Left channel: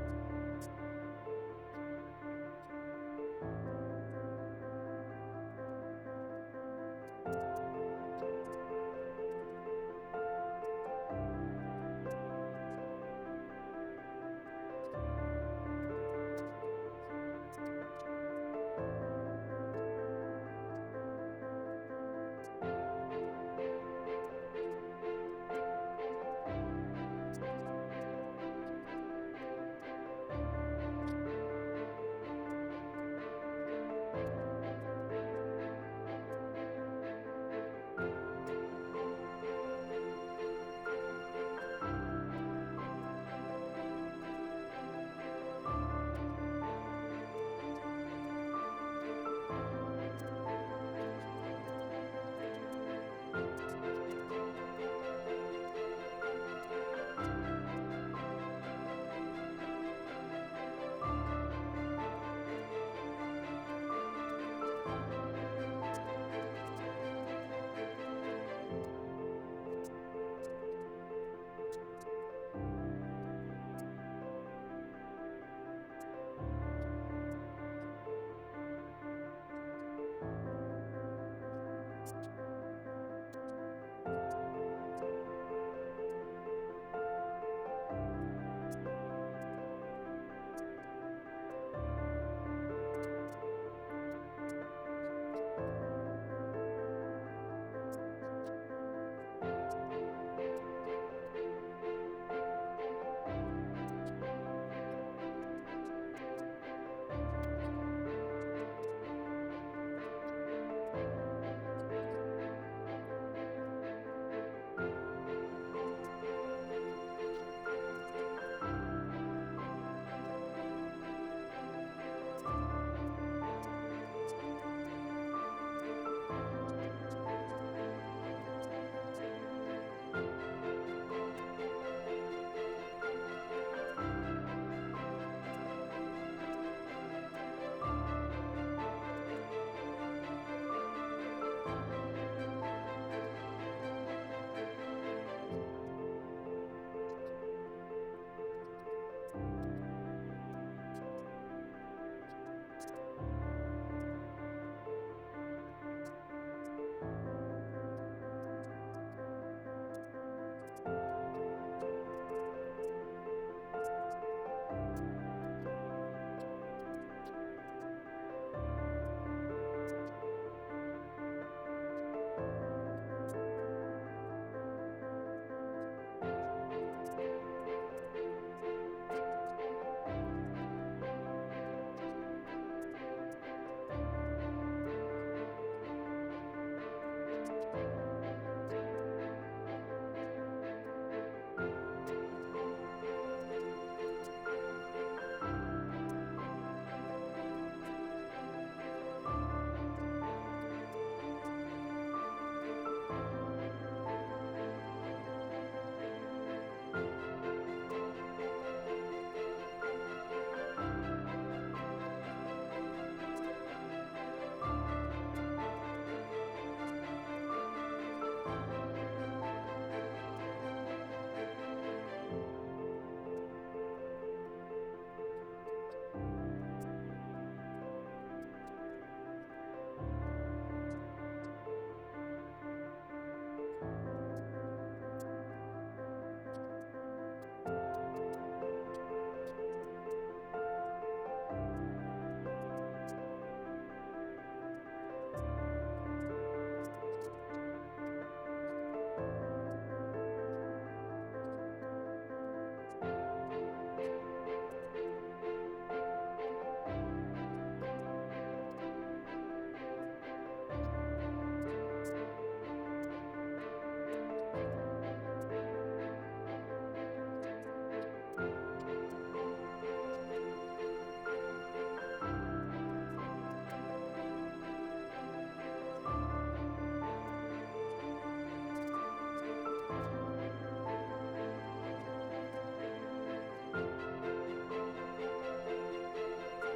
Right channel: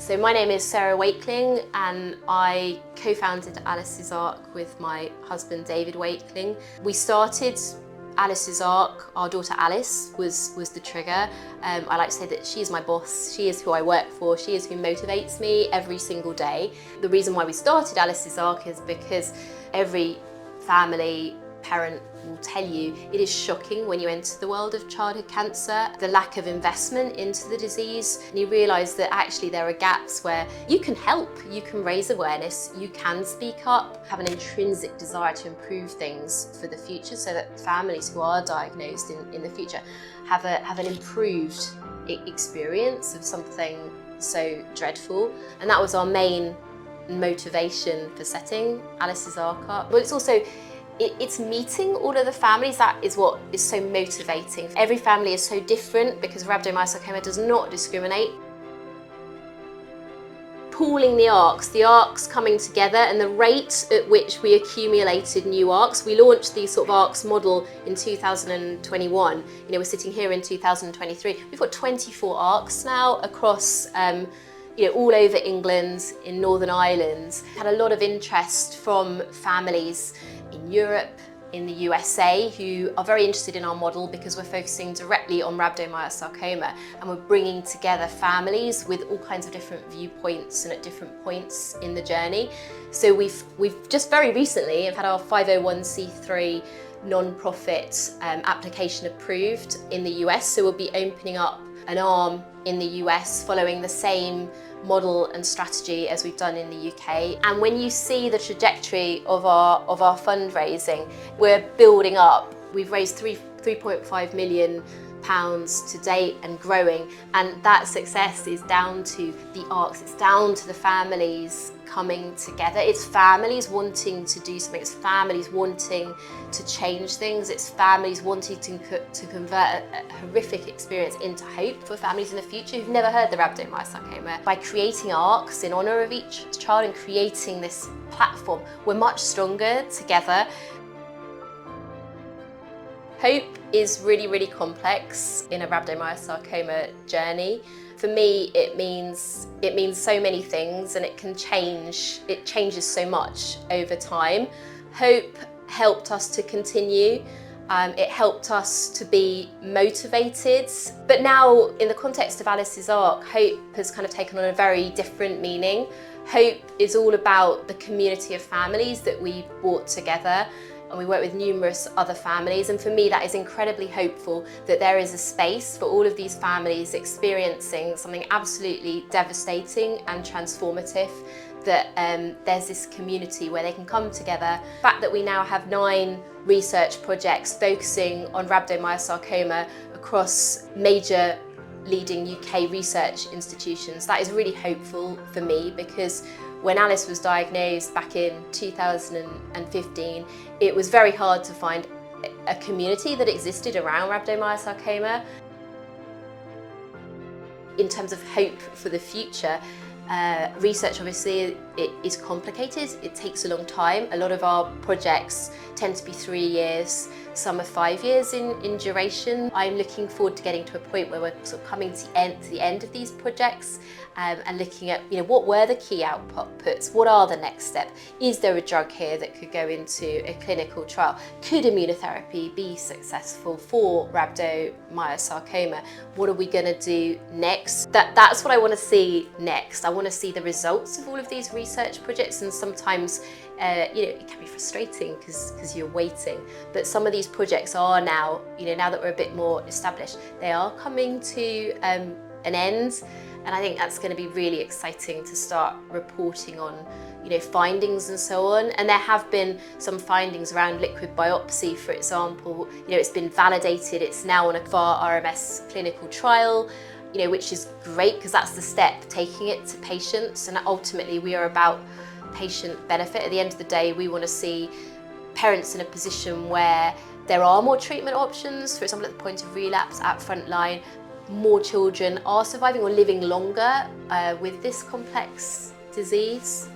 So my name is Sara Wakeling and I co-founded Alice's Arc with my husband David Wakeling. We started Alice's Arc, our daughter Alice was the trigger. I like to say that she is my boss, she is who I work for, she is who motivates me every single day. The reason why we started Alice's Arc is because every family, parent will tell you it is shocking when you enter the world of childhood cancer, the lack of investment into the disease, and you realise that actually there are gaps where you can help, you can raise awareness, you can speak up, have an intrinsic desire to improve things for the future so that families who are diagnosed in the future have an improved experience of something so dreadful. And that was our main motivation for setting Alice's Arc up. But it's also it's meeting all of the families. That is what is so motivating. Every family is so different because rhabdomyosarcoma does not discriminate. Pooling the arcs coming together, and the rate at which we accumulated new arcs. We launched the sort of arcs model in 2021. We're sitting here in 2023. We've got 24 arcs now across all over England, in Northern Ireland. Had a lot of interest from families in Europe, in the USA, who are very interested in our model because we're focusing directly on rhabdomyosarcoma and we're bringing together families with all kinds of different viewpoints and at different points in the journey. So we've just very recently had our 501c3 non-profit application approved in the US, so we'll be opening up an arm in the US following the same model and strategy as we've done in the UK. And when you see the trajectory of our fundraising, we're building up. We've raised £3.5 million to date and growing, and that success is down to the arcs, it's down to the families coming together. It's families wanting to do something, it's families wanting to change things, it's families wanting to convert a horrific experience into hope for families in the future who've never heard the rhabdomyosarcoma. By creating arcs in honour of each child and creating this platform, we're much stronger together. Hope is really, really complex in a rhabdomyosarcoma journey. For me, it means so many things, and it changes so much over time. Hope helped us to continue. It helped us to be motivated. But now, in the context of Alice's Arc, hope has kind of taken on a very different meaning. Hope is all about the community of families that we brought together, and we work with numerous other families, and for me that is incredibly hopeful that there is a space for all of these families experiencing something absolutely devastating and transformative, that there's this community where they can come together. The fact that we now have 9 research projects focusing on rhabdomyosarcoma across major leading UK research institutions, that is really hopeful for me, because when Alice was diagnosed back in 2015, it was very hard to find a community that existed around rhabdomyosarcoma. In terms of hope for the future, research obviously it is complicated, it takes a long time. A lot of our projects tend to be 3 years, some are 5 years in duration. I'm looking forward to getting to a point where we're sort of coming to the end of these projects and looking at what were the key outputs, what are the next steps, is there a drug here that could go into a clinical trial, could immunotherapy be successful for rhabdomyosarcoma, what are we going to do next? That's what I want to see next. I want to see the results of all of these research projects, and sometimes it can be frustrating because you're waiting, but some of these projects are now, now that we're a bit more established, they are coming to an end, and I think that's going to be really exciting to start reporting on findings and so on. And there have been some findings around liquid biopsy, for example. It's been validated, it's now on a VAR RMS clinical trial, which is great because that's the step, taking it to patients, and ultimately we are about patient benefit. At the end of the day, we want to see parents in a position where there are more treatment options, for example at the point of relapse, at frontline. More children are surviving or living longer with this complex disease.